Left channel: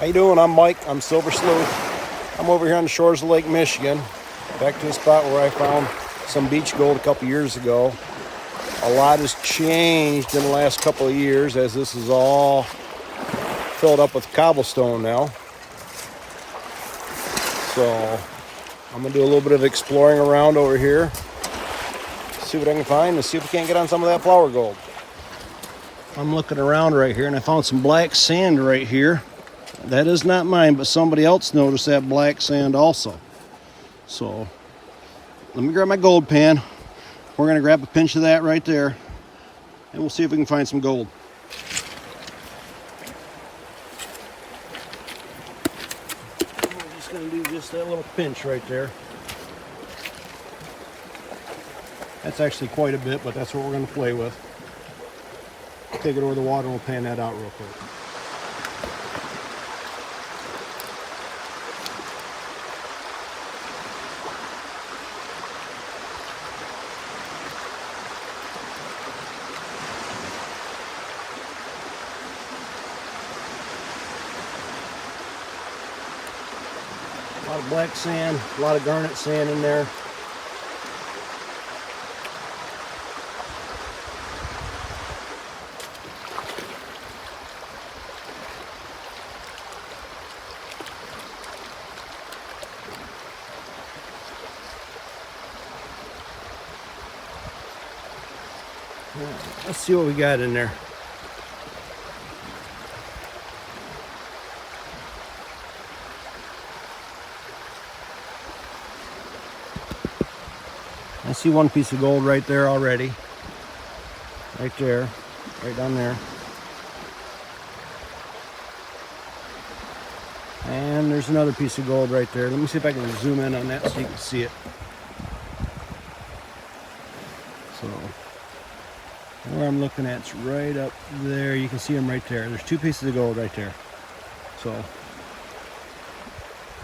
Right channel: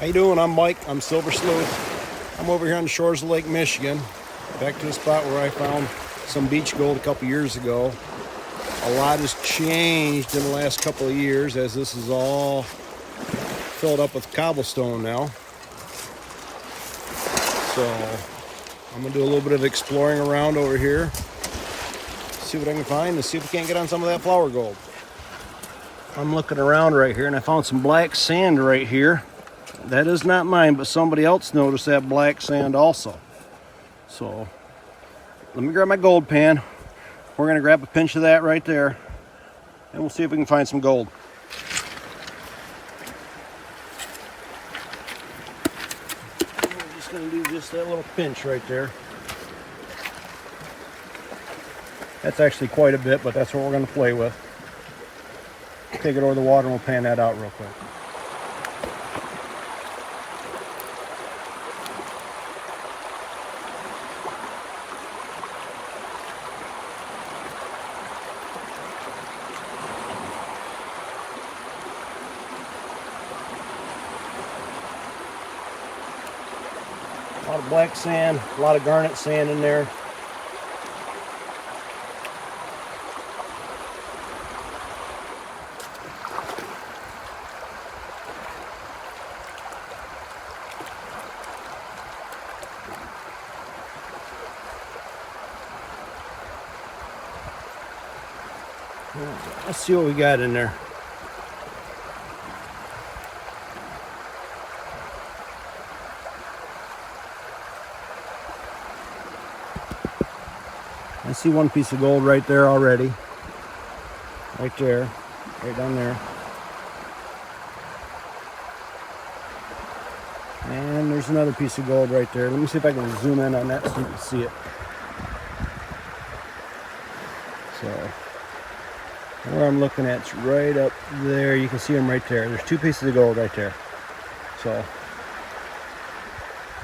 How you doing? I'm Mike. I'm Silver Sleuth. I'm over here on the shores of Lake Michigan, back to the spot where I found some beach gold a couple years ago. A lot has changed in the last couple of years as this is all filled up with cobblestone now. So I'm gonna do a little bit of exploring around over here, see what I can find, and see if we can't get on some of that flower gold. I'm looking around right here and I found some black sand right here. That is not mine, but somebody else noticed that black sand also. So let me grab my gold pan. We're gonna grab a pinch of that right there and we'll see if we can find some gold. We're just gonna do just that little pinch right there. That's actually quite a bit, but that's what we're gonna play with. Take it over the water and we'll pan that out real quick. A lot of black sand, a lot of garnet sand in there. Let's see what we got in there. I see one piece of gold right there already. Right there. Right down there. And there's another piece of gold right there. Let me see if I can zoom in on that so you can see it. So where I'm looking at, it's right up there. You can see them right there. There's two pieces of gold right there. So,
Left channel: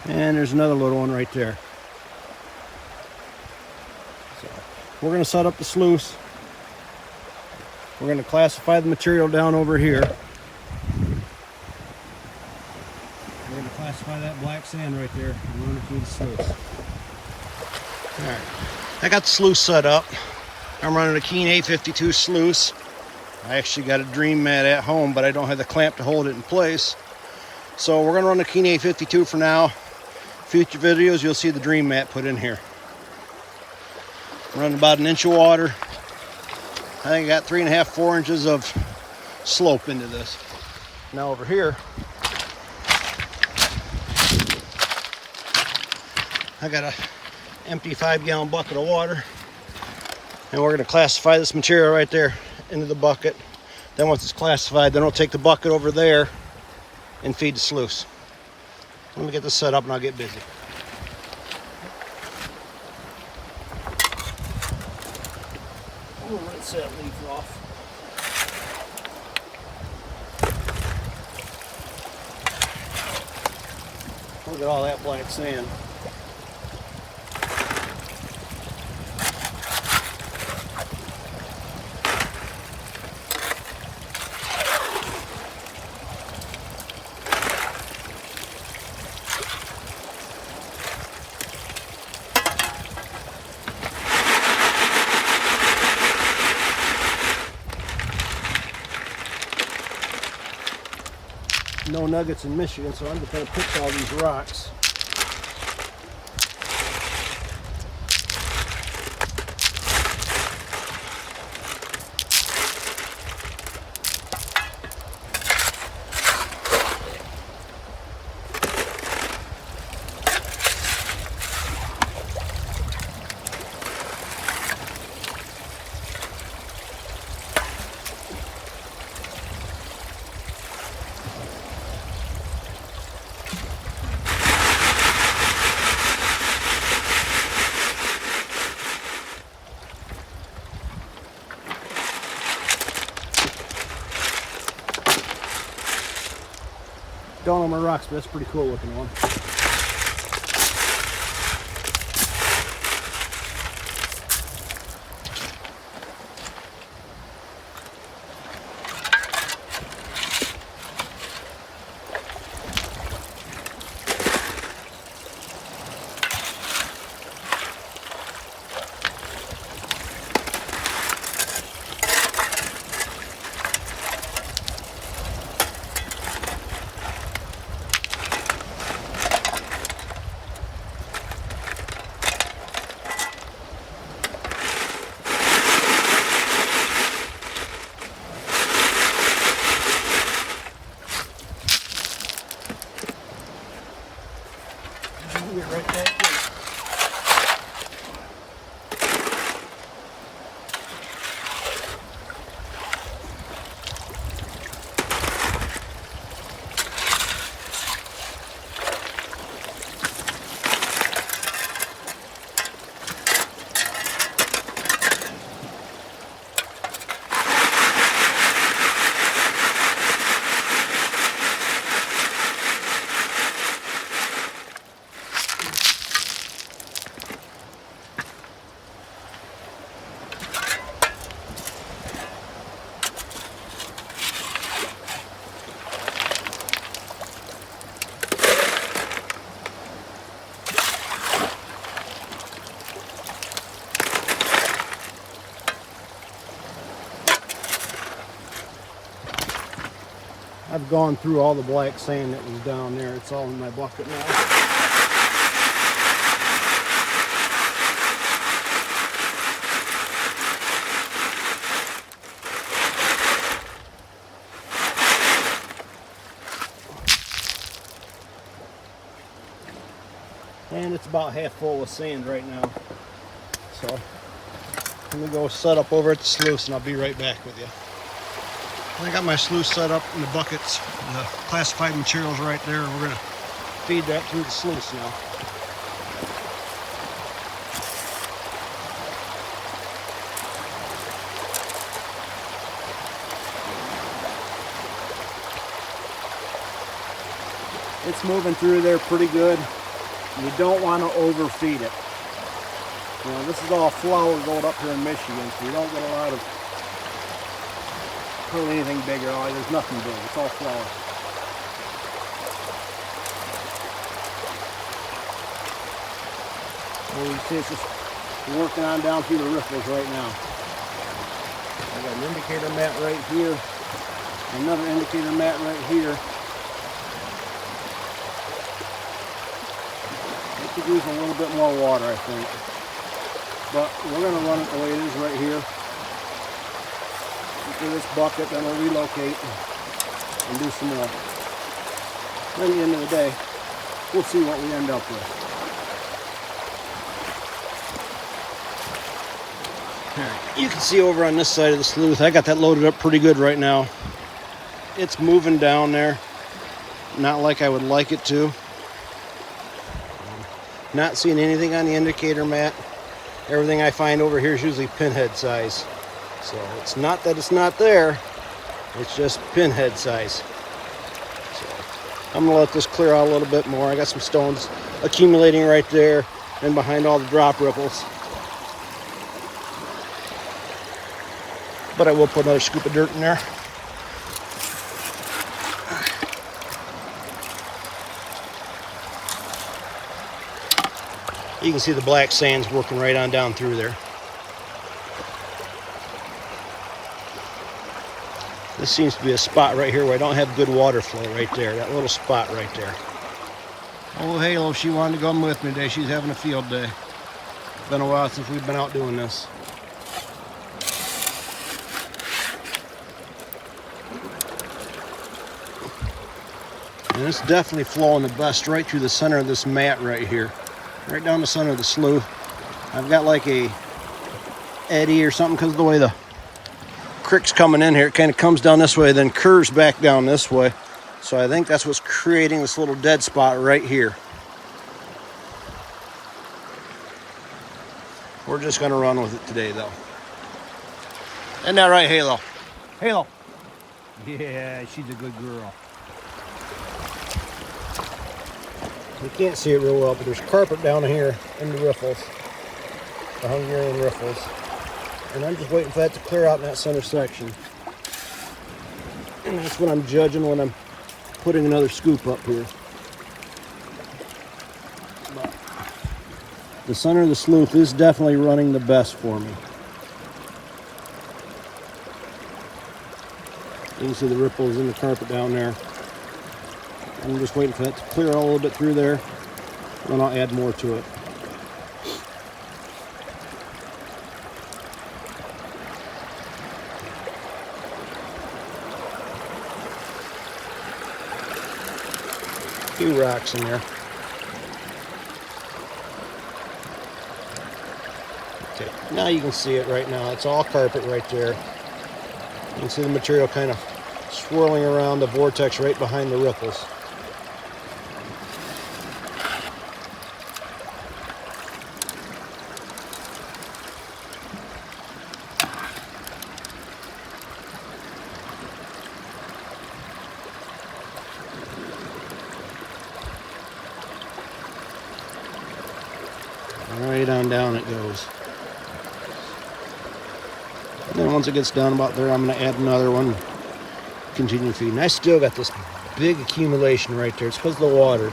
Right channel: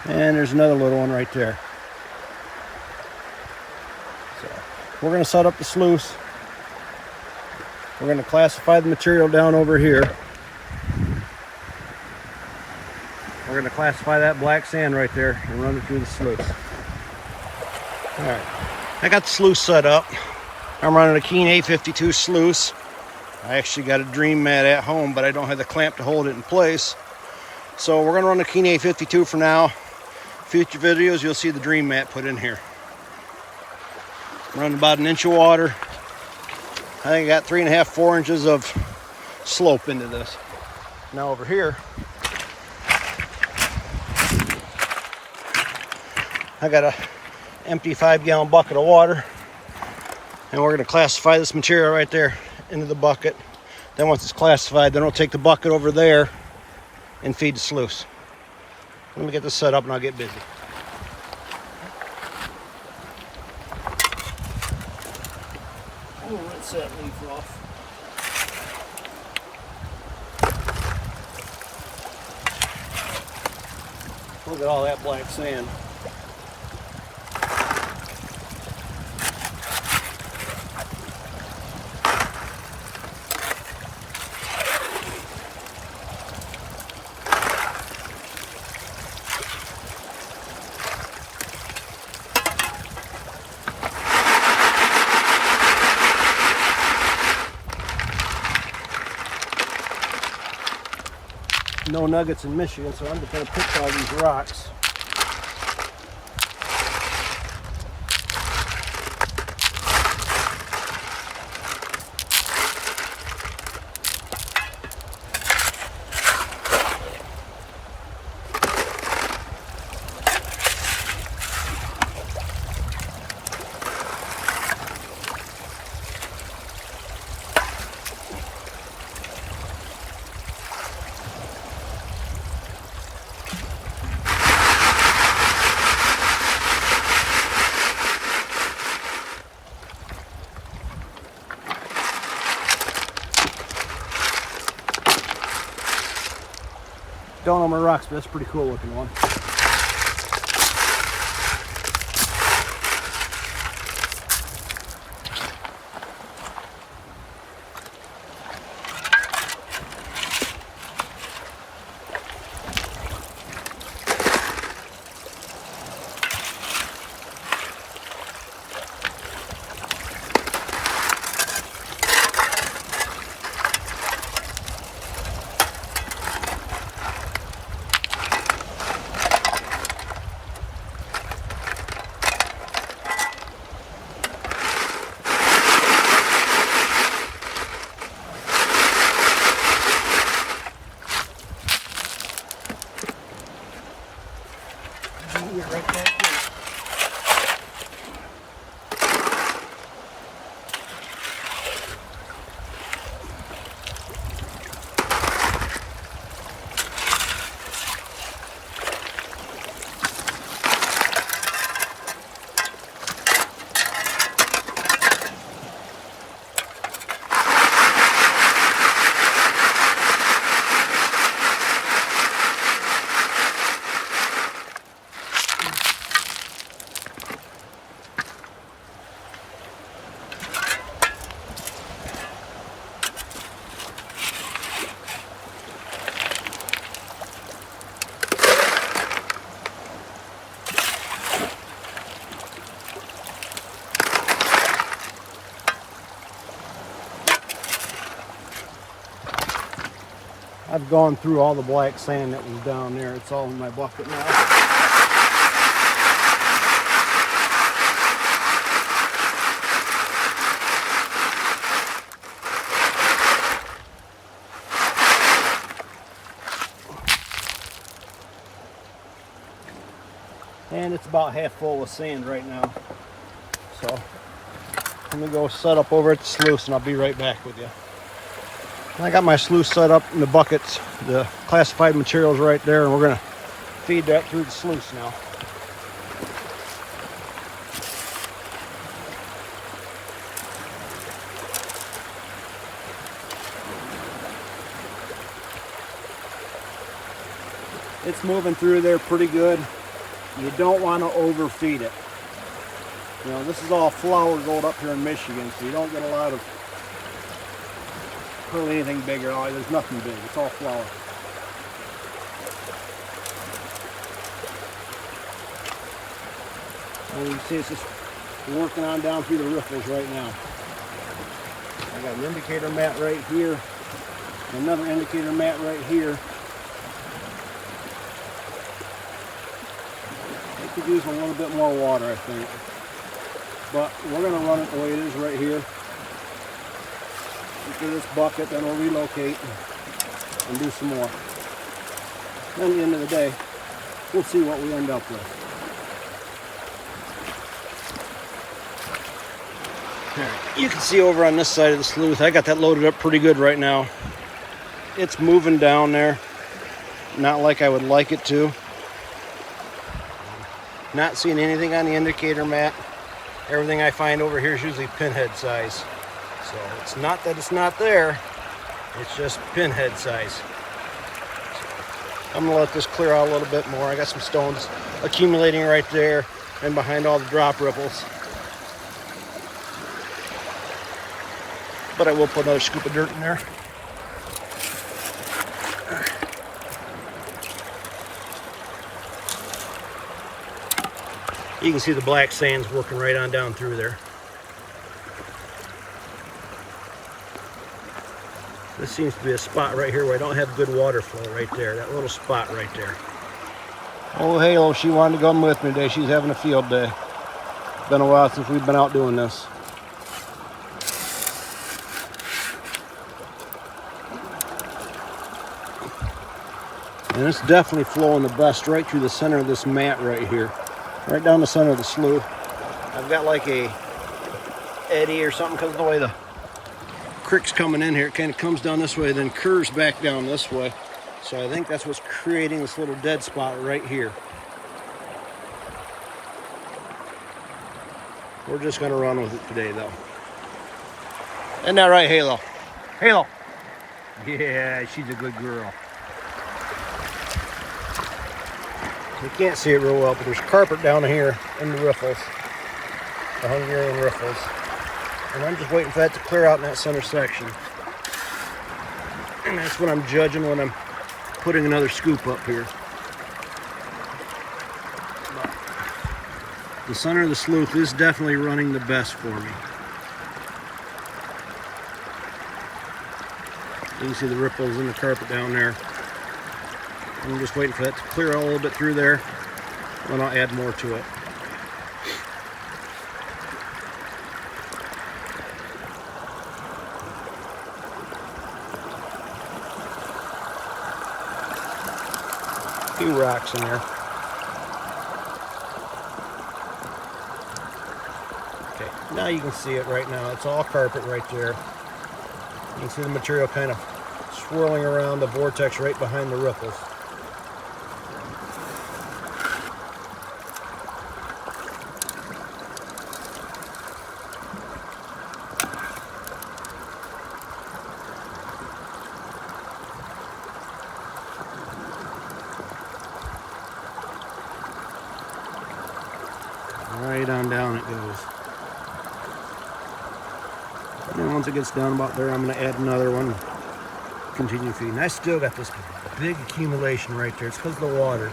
and there's another little one right there. So we're going to set up the sluice. We're going to classify the material down over here. We're going to classify that black sand right there and run it through the sluice. All right, I got the sluice set up. I'm running a Keen A52 sluice. I actually got a Dream mat at home, but I don't have the clamp to hold it in place. So we're gonna run the Keen A52 for now. Future videos, you'll see the Dream mat put in here. I'm running about an inch of water. I think I got 3.5, 4 inches of slope into this. Now over here, I got a empty 5-gallon bucket of water. And we're going to classify this material right there into the bucket. Then once it's classified, then we'll take the bucket over there and feed the sluice. Let me get this set up and I'll get busy. We'll rinse that leaf off. Look at all that black sand. No nuggets in Michigan, so I'm just going to pick all these rocks. Don't know my rocks, but that's a pretty cool looking one. get right back in it. I've gone through all the black sand that was down there. It's all in my bucket now. And it's about half full of sand right now. So let me go set up over at the sluice and I'll be right back with you. I got my sluice set up in the buckets, the classified materials right there, and we're going to feed that through the sluice now. It's moving through there pretty good. You don't want to overfeed it. You know, this is all flour gold up here in Michigan, so you don't get a lot of hardly anything bigger. Oh, there's nothing big. It's all flour. Well, you see it's just working on down through the riffles right now. I got an indicator mat right here, another indicator mat right here. It could use a little bit more water, I think. But we're going to run it the way it is right here. Into this bucket, then we'll relocate and do some more. Then at the end of the day, we'll see what we end up with. Alright, you can see over on this side of the sluice, I got that loaded up pretty good right now. It's moving down there, not like I would like it to. Not seeing anything on the indicator mat. Everything I find over here is usually pinhead size. So it's not that it's not there, it's just pinhead size. So I'm gonna let this clear out a little bit more. I got some stones accumulating right there and behind all the drop ripples. But I will put another scoop of dirt in there. You can see the black sand's working right on down through there. This seems to be a spot right here where I don't have good water flow right there. That little spot right there. Oh, Halo, she wanted to come with me today. She's having a field day. It's been a while since we've been out doing this. And it's definitely flowing the best right through the center of this mat right here. Right down the center of the slough. I've got like a eddy or something because of the way the creek's coming in here. It kind of comes down this way, then curves back down this way. So I think that's what's creating this little dead spot right here. We're just going to run with it today, though. Isn't that right, Halo? Halo! Yeah, she's a good girl. You can't see it real well, but there's carpet down here in the riffles, the Hungarian riffles. And I'm just waiting for that to clear out in that center section. And that's what I'm judging when I'm putting another scoop up here. But the center of the slough is definitely running the best for me. You can see the ripples in the carpet down there. I'm just waiting for that to clear out a little bit through there, and I'll add more to it. A few rocks in there. Okay, now you can see it right now. It's all carpet right there. You can see the material kind of swirling around the vortex right behind the ripples. Right on down it goes. And then once it gets down about there, I'm going to add another one. Continue feeding. I still got this big accumulation right there. It's because of the water.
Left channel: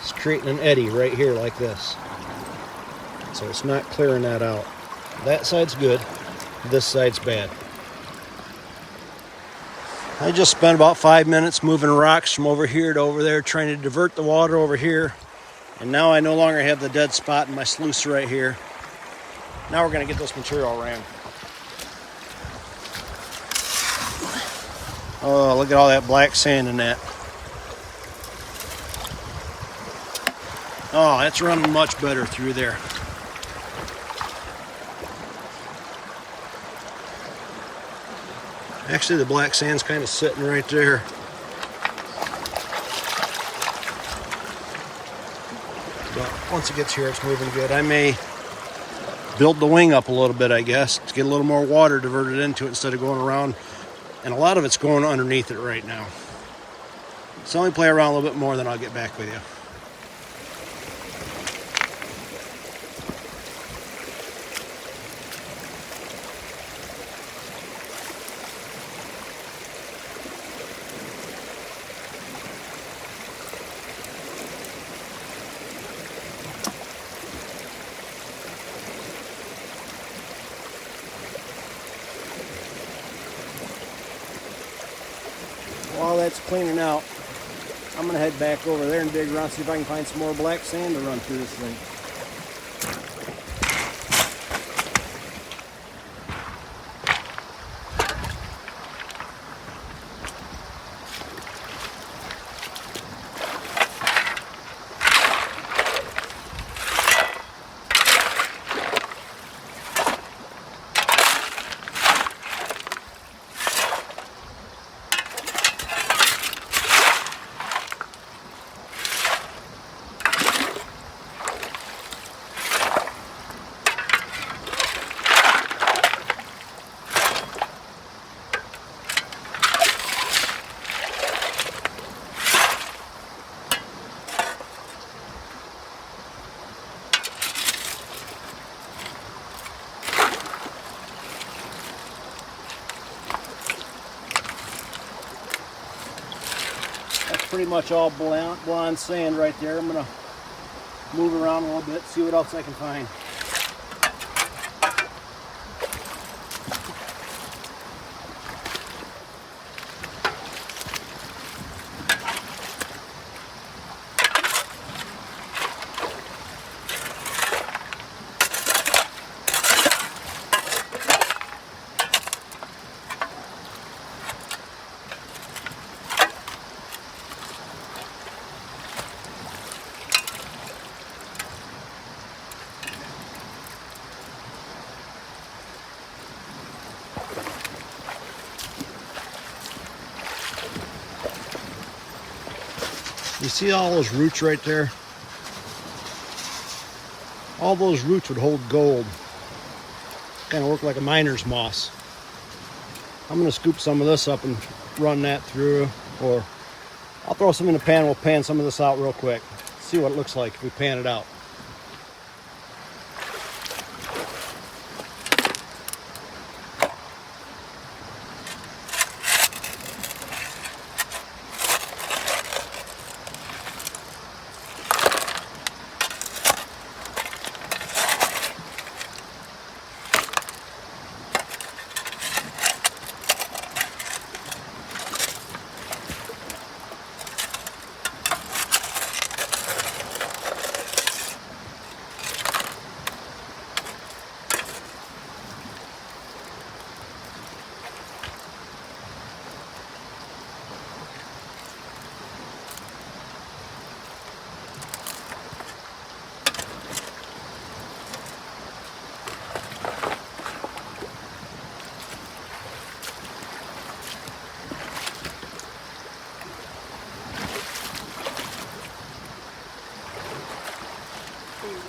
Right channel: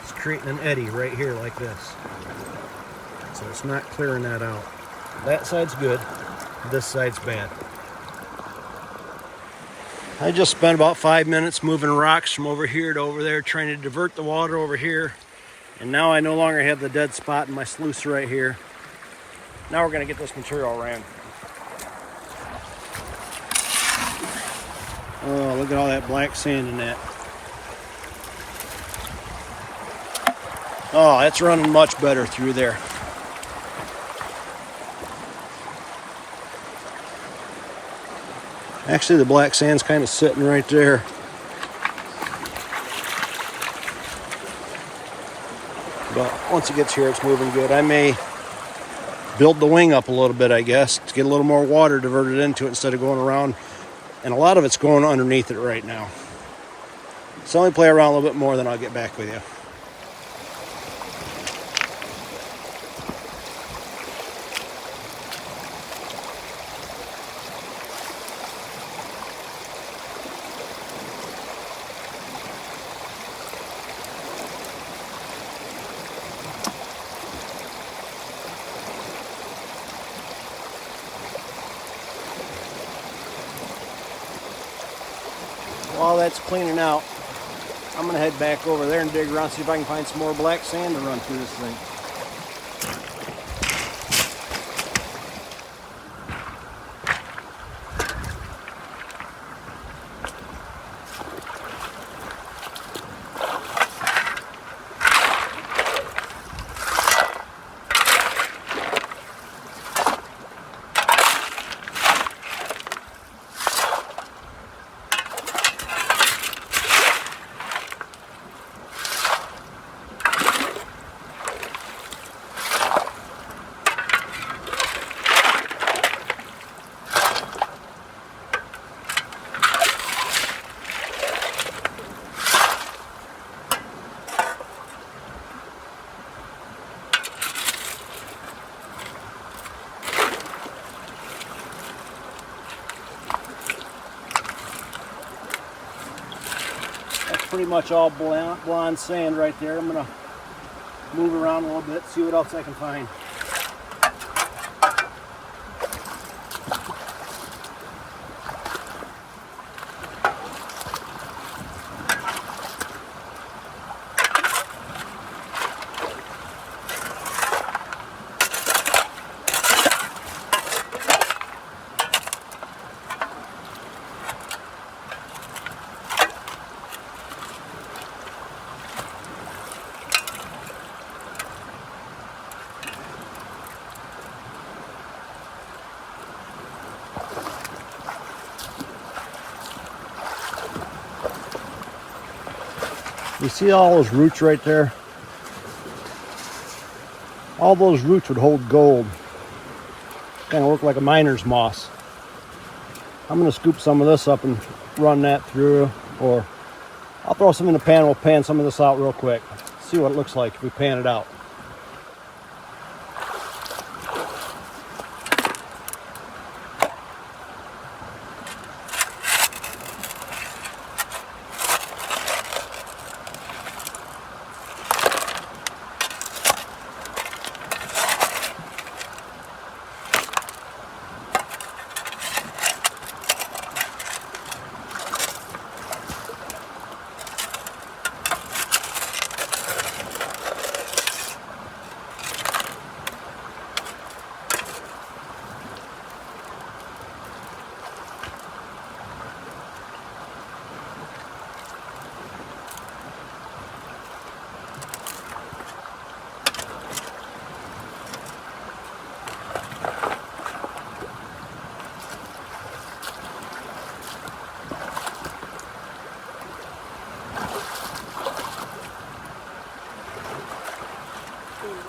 It's creating an eddy right here like this. So it's not clearing that out. That side's good. This side's bad. I just spent about 5 minutes moving rocks from over here to over there, trying to divert the water over here. And now I no longer have the dead spot in my sluice right here. Now we're going to get this material ran. Oh, look at all that black sand in that. Oh, that's running much better through there. Actually, the black sand's kind of sitting right there. But once it gets here, it's moving good. I may build the wing up a little bit, I guess, to get a little more water diverted into it instead of going around. And a lot of it's going underneath it right now. So let me play around a little bit more, then I'll get back with you. While that's cleaning out, I'm going to head back over there and dig around, see if I can find some more black sand to run through this thing. Pretty much all blonde sand right there. I'm gonna move around a little bit, see what else I can find. You see all those roots right there? All those roots would hold gold. Kind of look like a miner's moss. I'm going to scoop some of this up and run that through, or I'll throw some in the pan. We'll pan some of this out real quick. See what it looks like if we pan it out.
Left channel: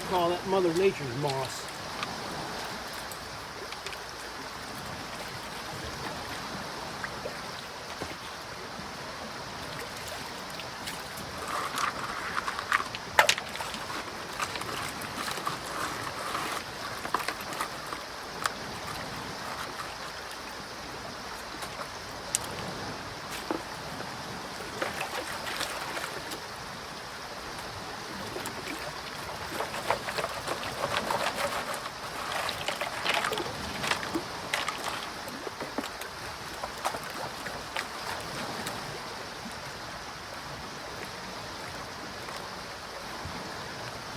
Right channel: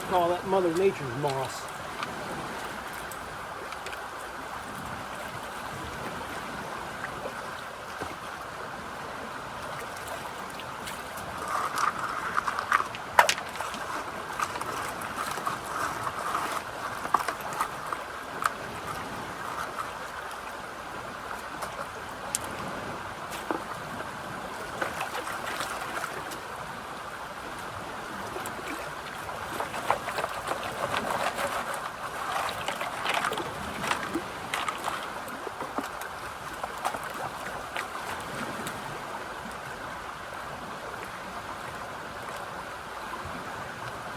call that Mother Nature's moss.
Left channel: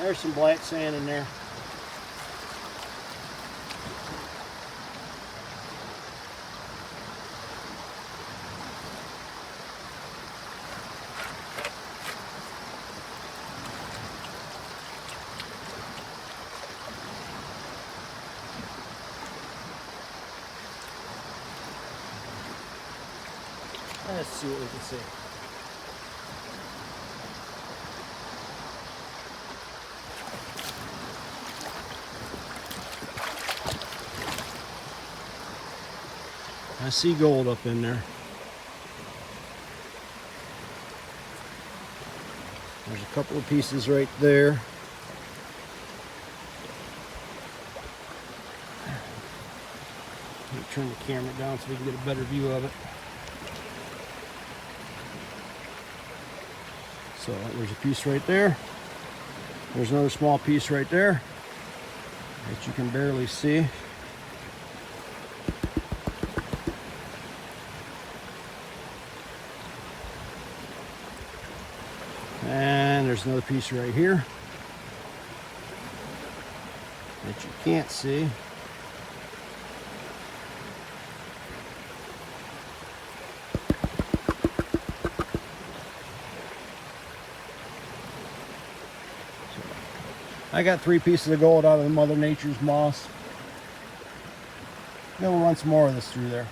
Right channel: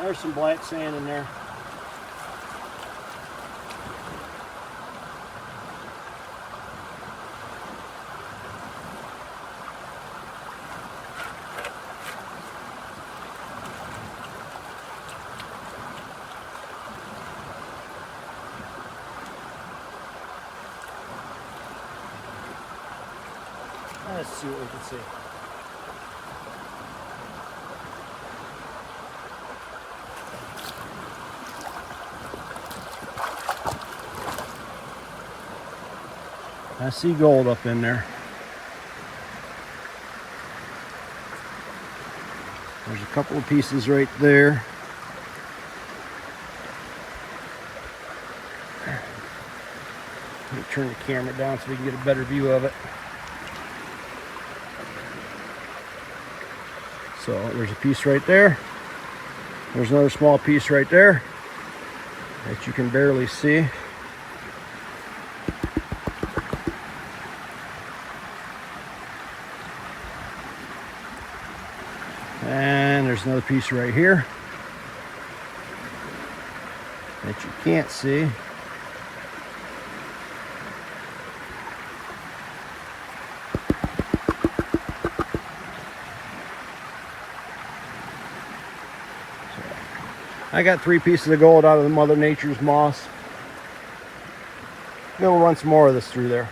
There's some black sand in there. Let's see what we can see. I see gold up in there. There's a couple of pieces right there. Let me turn the camera down so we can get a better view of it. So there's a piece right there. There's another small piece right there that you can barely see. And there's another piece right here that you can't see. I got 3 pieces of gold out of the Mother Nature's moss. Then we'll run some more of this through there.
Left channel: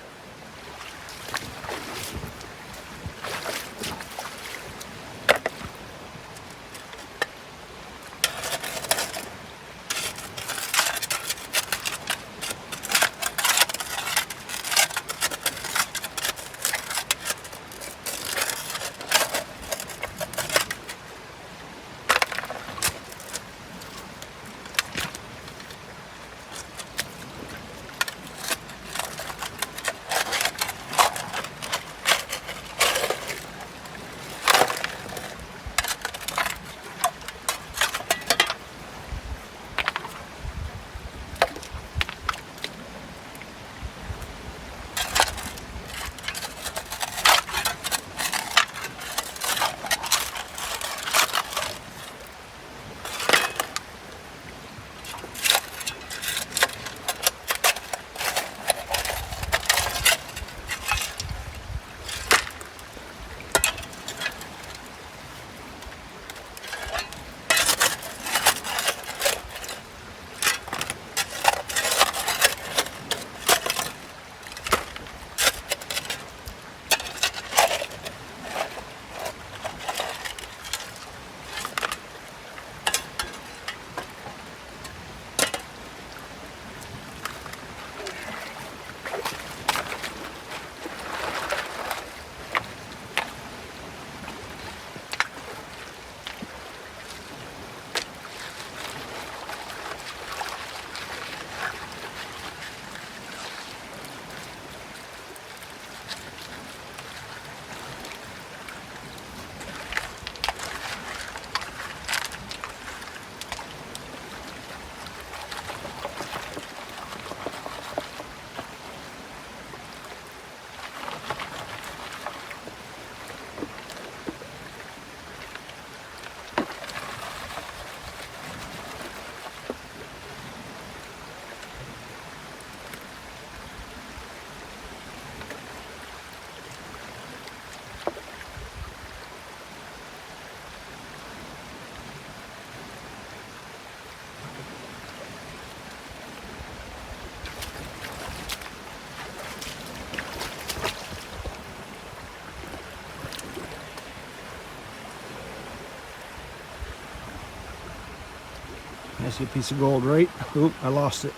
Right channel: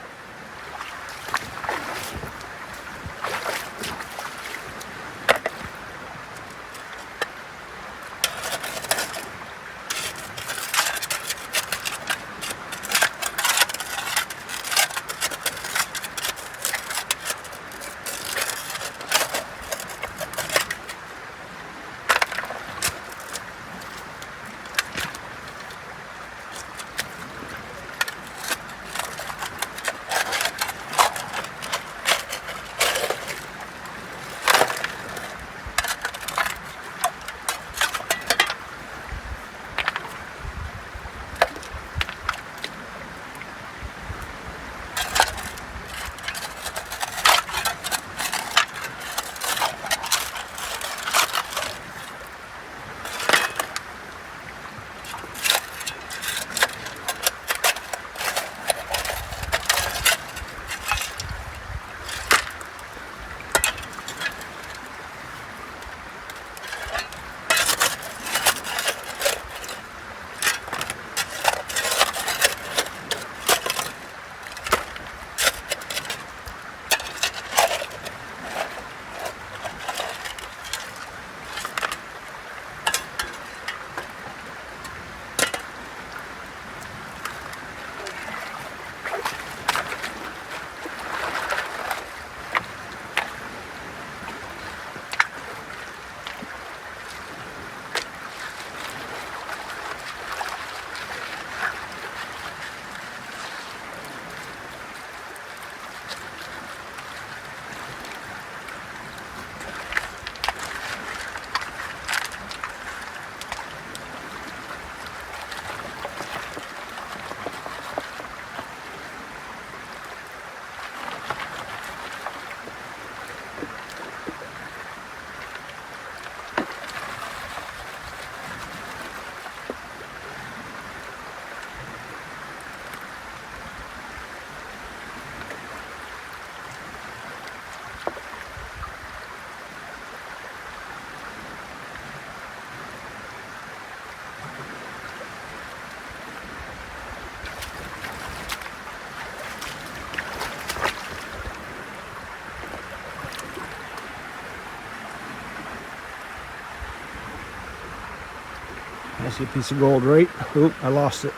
I see a piece of gold right. Oop, I lost it.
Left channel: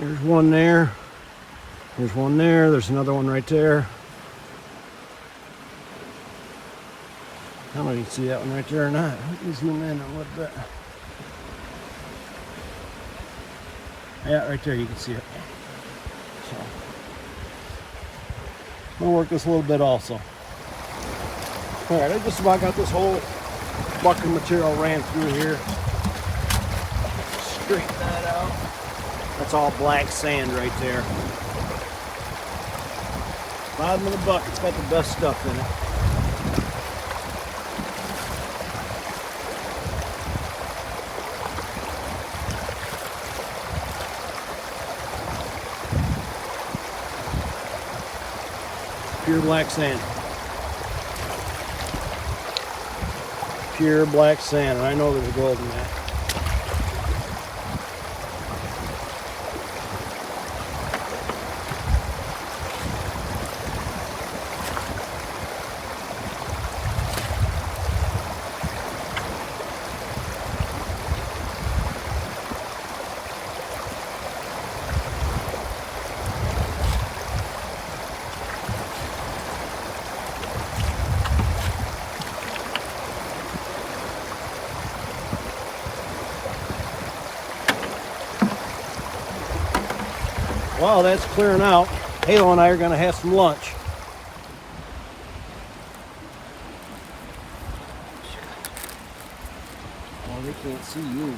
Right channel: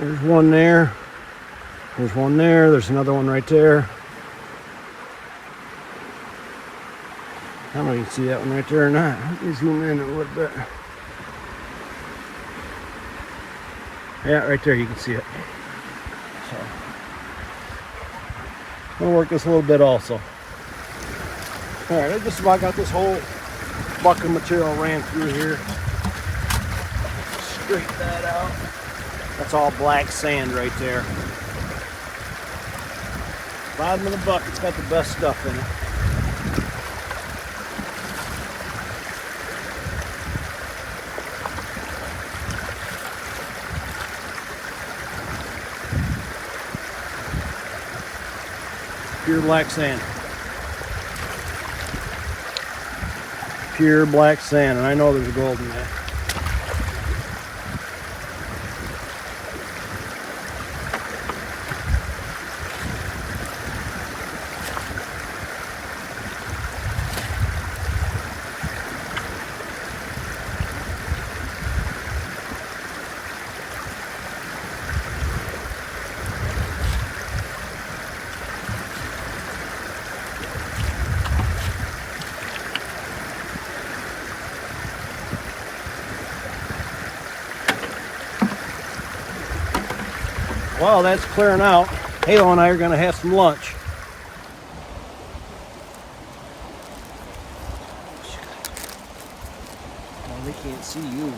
There's one there. There's one there. There's another one right there. I don't know if you can see that one right there or not. Let me zoom in a little bit. Yeah, right there you can see it. So, I'm gonna work this a little bit also. All right, I just about got this whole bucket of material ran through here. Straighten that out. That's all black sand right there. Bottom of the bucket's got the best stuff in it. Pure black sand. Pure black sand. And I know there's gold in that. While that's clearing out, Halo and I are going to have some lunch. Oh, they can't see you.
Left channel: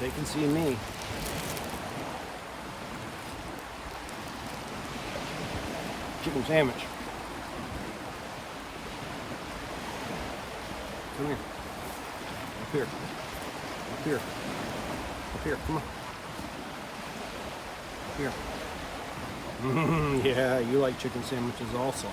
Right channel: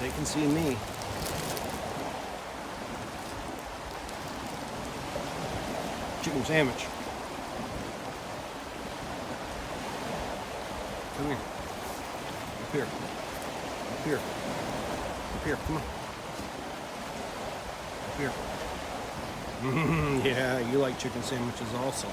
They can see me. Chicken sandwich. Come here. Up here. Up here. Up here. Come on. Here. Yeah, you like chicken sandwiches also.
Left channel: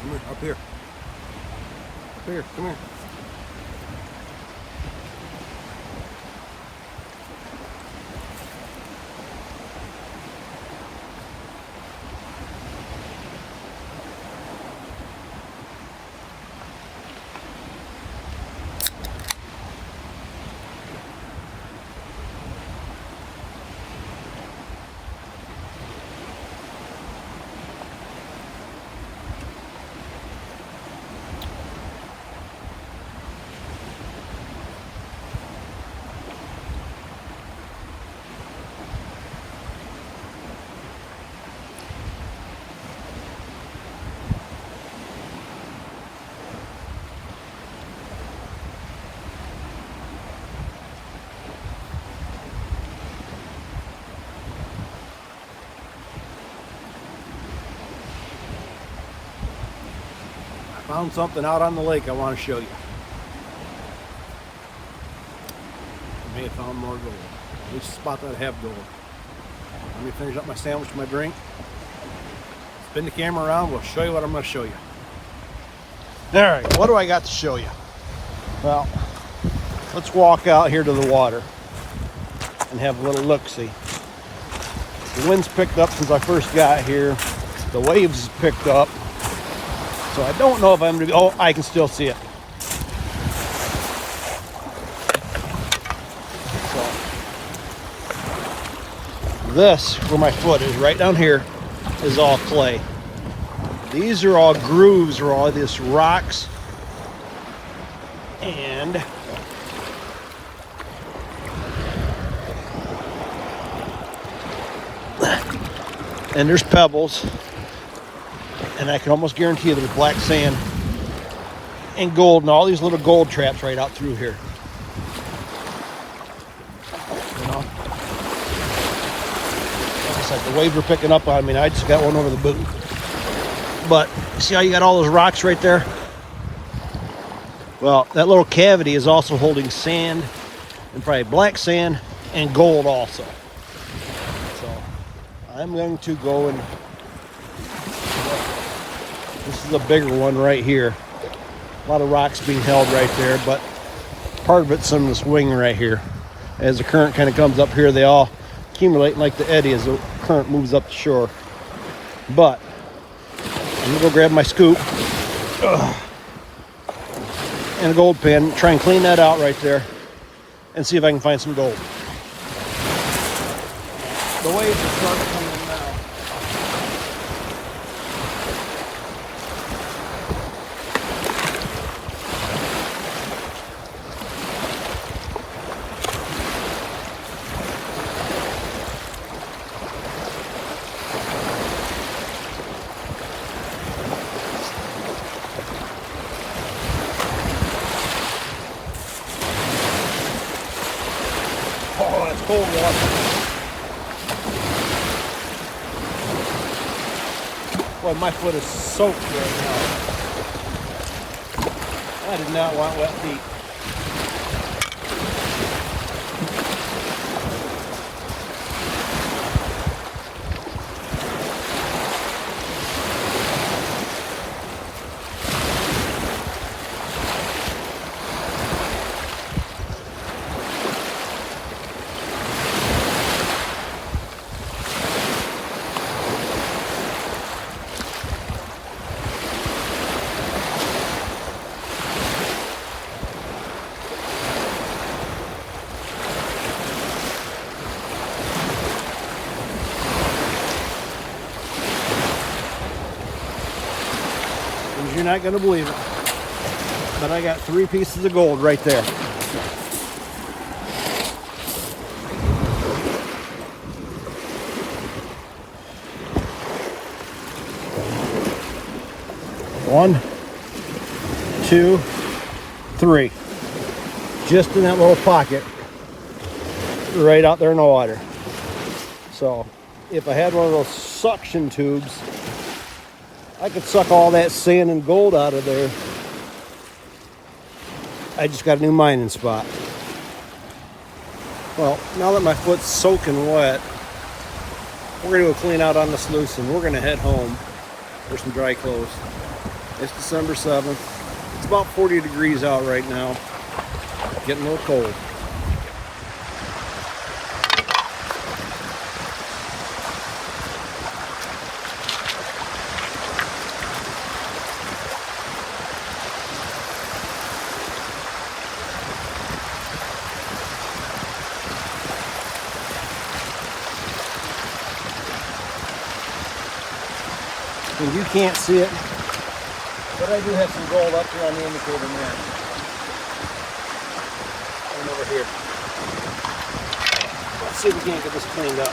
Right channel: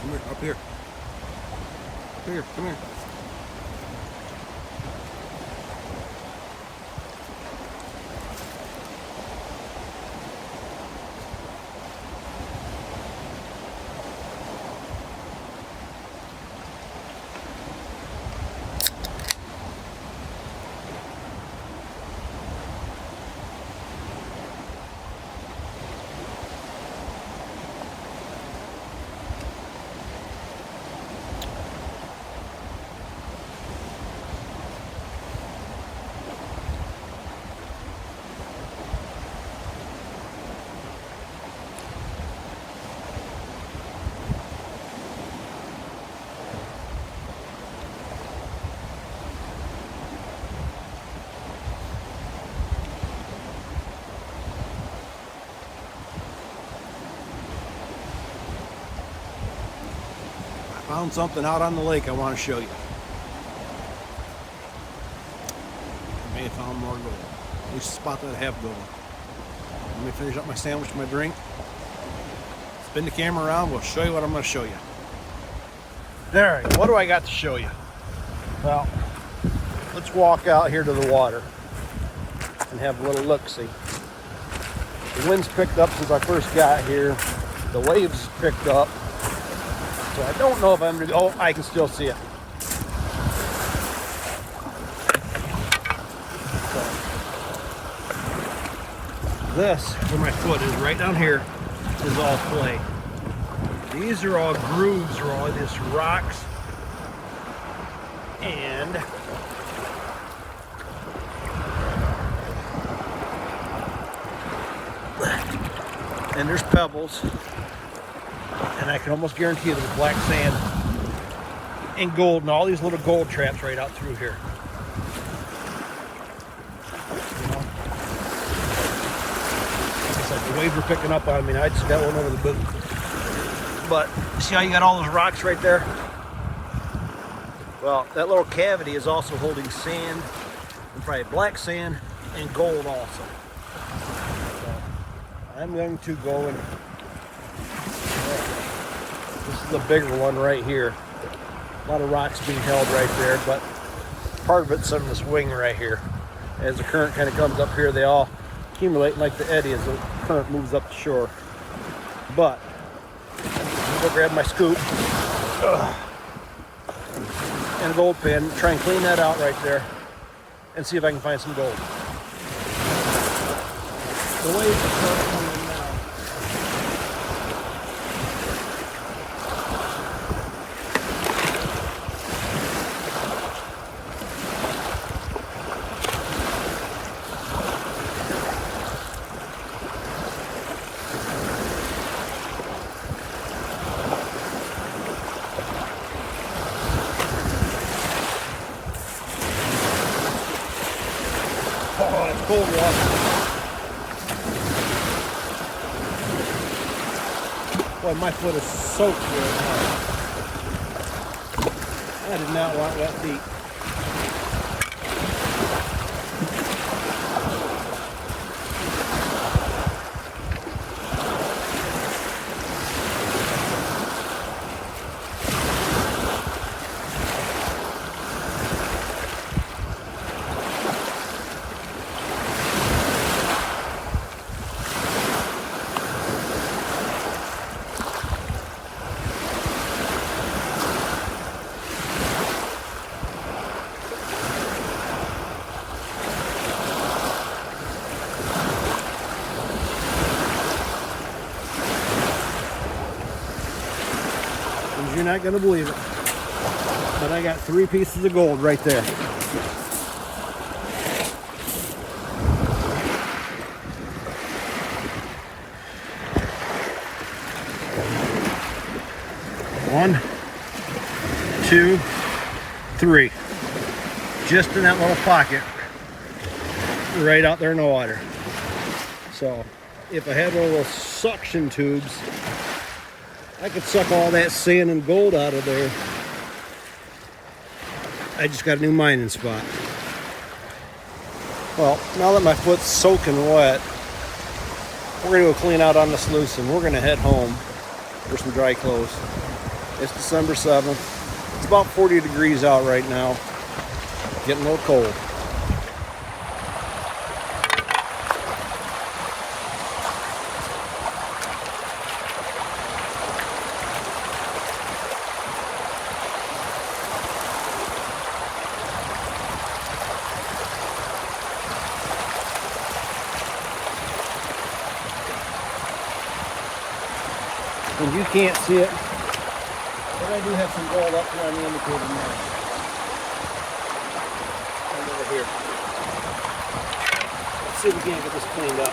Come here, up here. Up here, come here. Found something out on the lake I want to show you. I may have found more gold. At least a spot that I have gold. Let me finish up my sandwich and my drink. Spin the camera around. We'll show you what I'm going to show you. Alright, what do I got to show you? Well, let's walk out here to the water and have a little look-see. The wind's picked up since I first got here. The waves picked up. So I don't know if I'm going to, oh, I can still see it. This, where my foot is, right down here, is all clay. These are all grooves, or all these rocks. And there's pebbles. And I can almost guarantee you there's black sand and gold and all these little gold traps right out through here. Like I said, the waves were picking up on me and I just got one over the boot. But you see how you got all those rocks right there? Well, that little cavity is also holding sand, and probably black sand and gold also. So I'm going to go and this is a bigger one right here. A lot of rocks being held right there, but part of it's in this ring right here. As the current kind of comes up here, they all accumulate like the eddy as the current moves up the shore. But I'm gonna go grab my scoop and a gold pen, try and clean that out right there and see if I can find some gold. The waves are starting to come in now. Oh, that's cold water. Boy, my foot is soaked right now. I did not want wet feet. You're not going to believe it, but I got 3 pieces of gold right there. One, 2, 3. Just in that little pocket right out there in the water. So if I had one of those suction tubes, I could suck all that sand and gold out of there. I just got a new mining spot. Well, now that my foot's soaking wet, we're going to go clean out on the sluice and we're going to head home for some dry clothes. It's December 7th. It's about 40 degrees out right now. Getting a little cold. And you can't see it, but I do have some gold up here on the indicator map. And over here. Let's see if we can't get this cleaned up.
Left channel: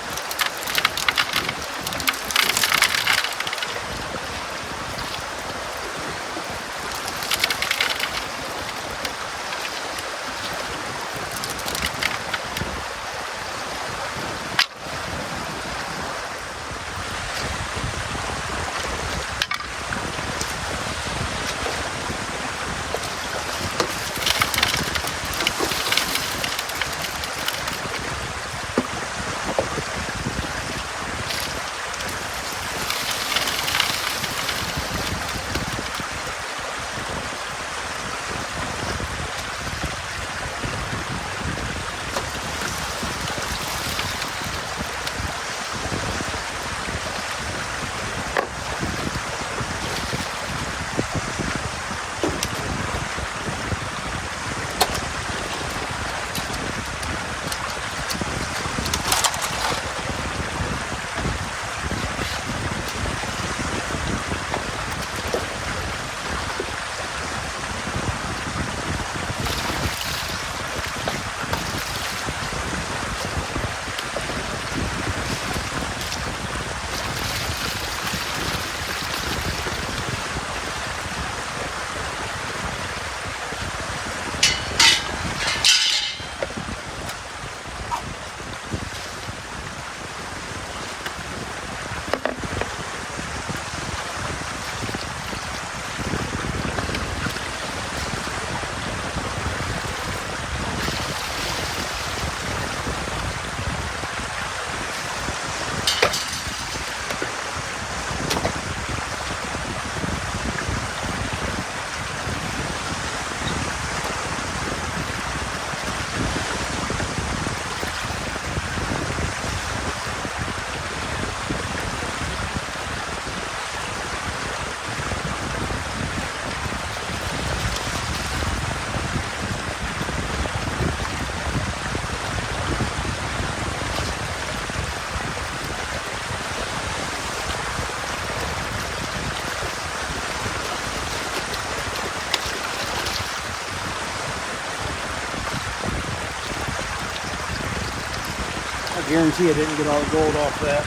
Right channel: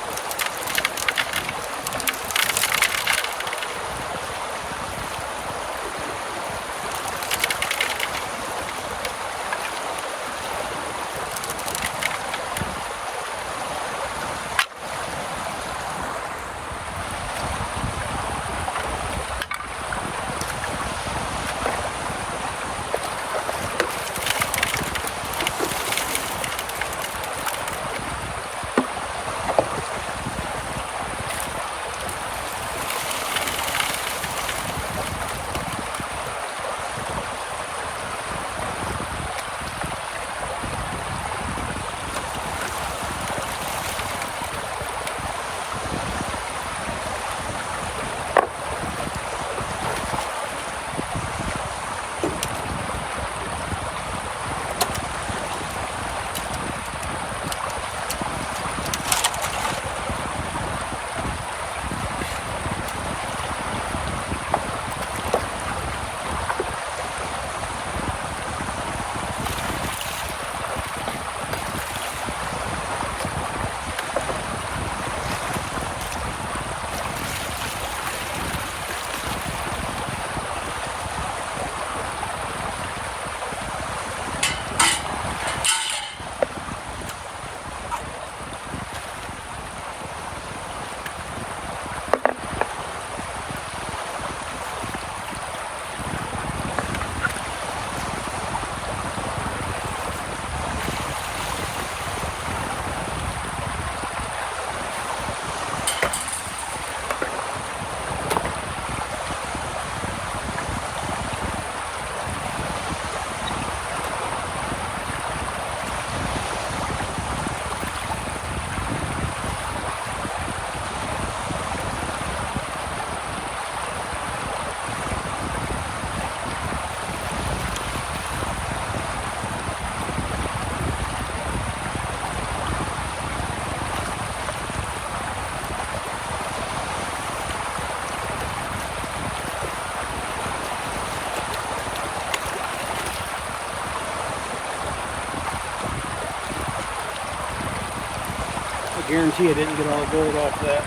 I guarantee I didn't get all the gold off that.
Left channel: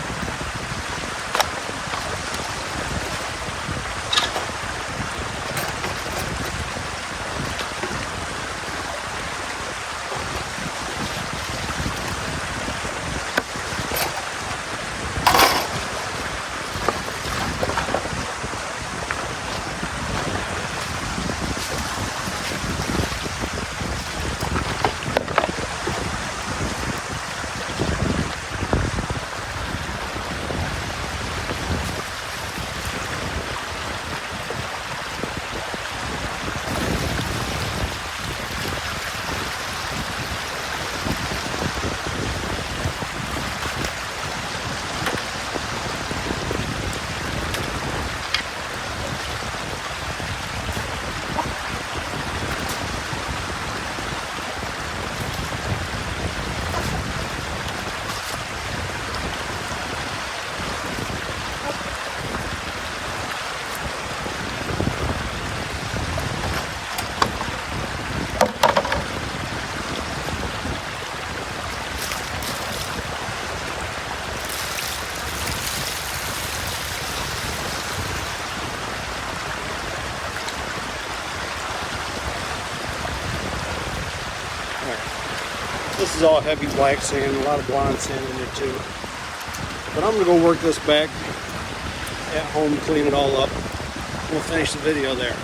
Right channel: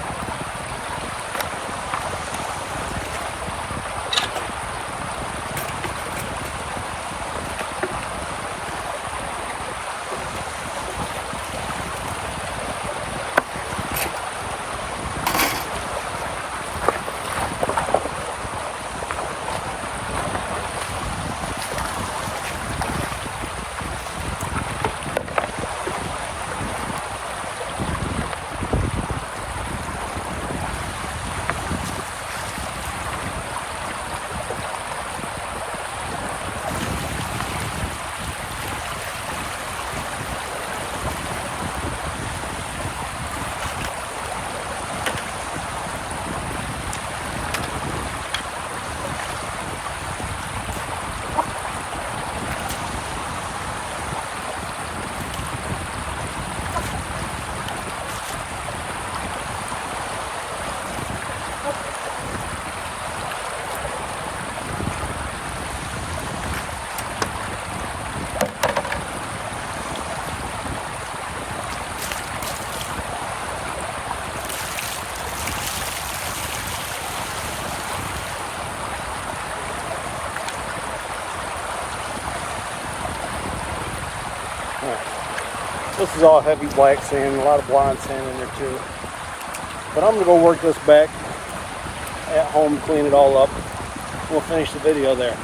This is all heavy black sand, a lot of blonde sand in there too. But I'm gonna go work this back at home, clean it all up. We'll finish the video there.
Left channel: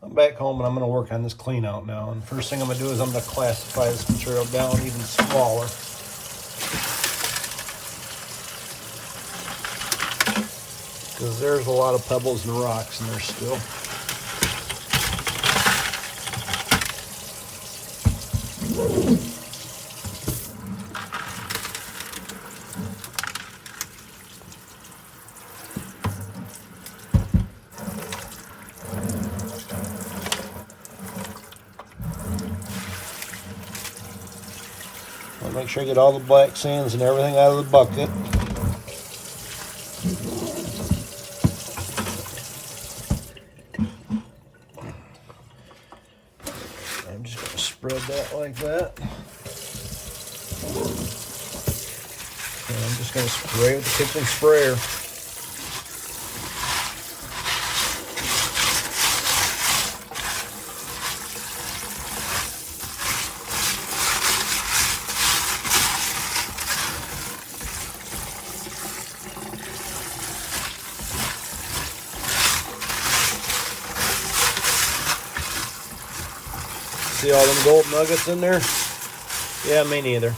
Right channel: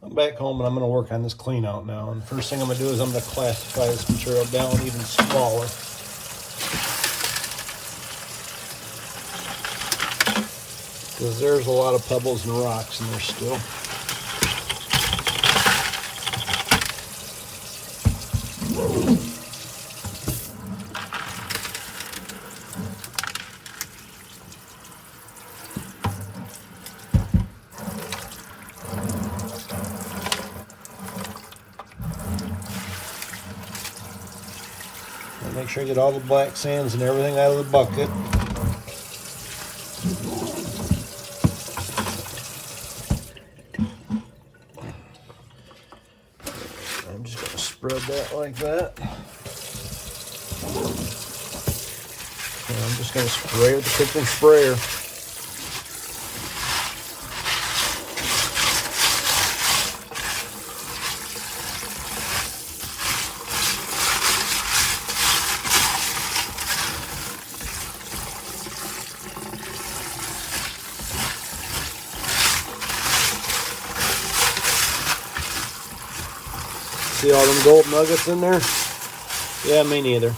I'm back home and I'm gonna work on this clean out now. And first thing I'm gonna do is I'm gonna classify this material down even smaller. Because there's a lot of pebbles and rocks in there still. Make sure I get all the black sands and everything out of the bucket. I'm just going to spread that like that. And I'm just going to spray with the kitchen sprayer. See all them gold nuggets in there? Yeah, me neither.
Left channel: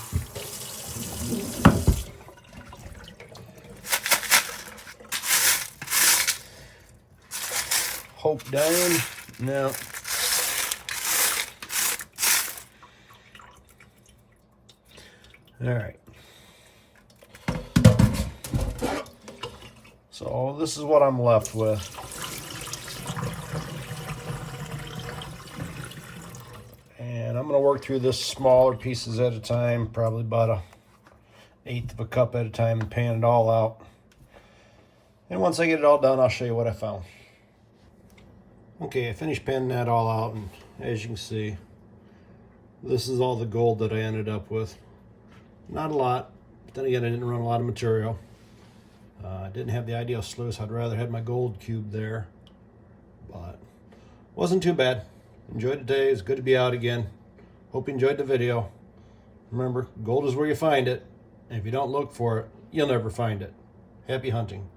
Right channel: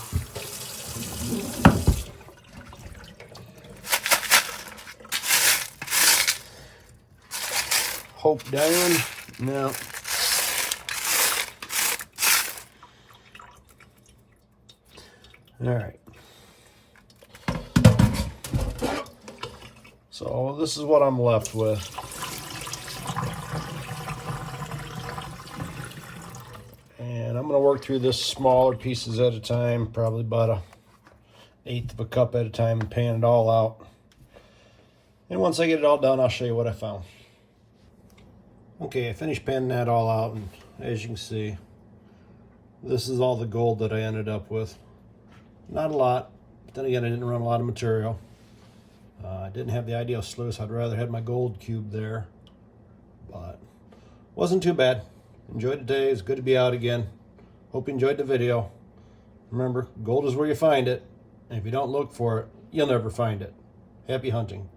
Hope down? No. All right. So this is what I'm left with. And I'm going to work through this smaller pieces at a time, probably about 1/8 of a cup at a time, and pan it all out. And once I get it all done, I'll show you what I found. Okay, I finished panning that all out, and as you can see, this is all the gold that I ended up with. Not a lot, but then again, I didn't run a lot of material. I didn't have the ideal sluice. I'd rather had my gold cube there, but wasn't too bad. Enjoyed the day. It's good to be out again. Hope you enjoyed the video. Remember, gold is where you find it, and if you don't look for it, you'll never find it. Happy hunting.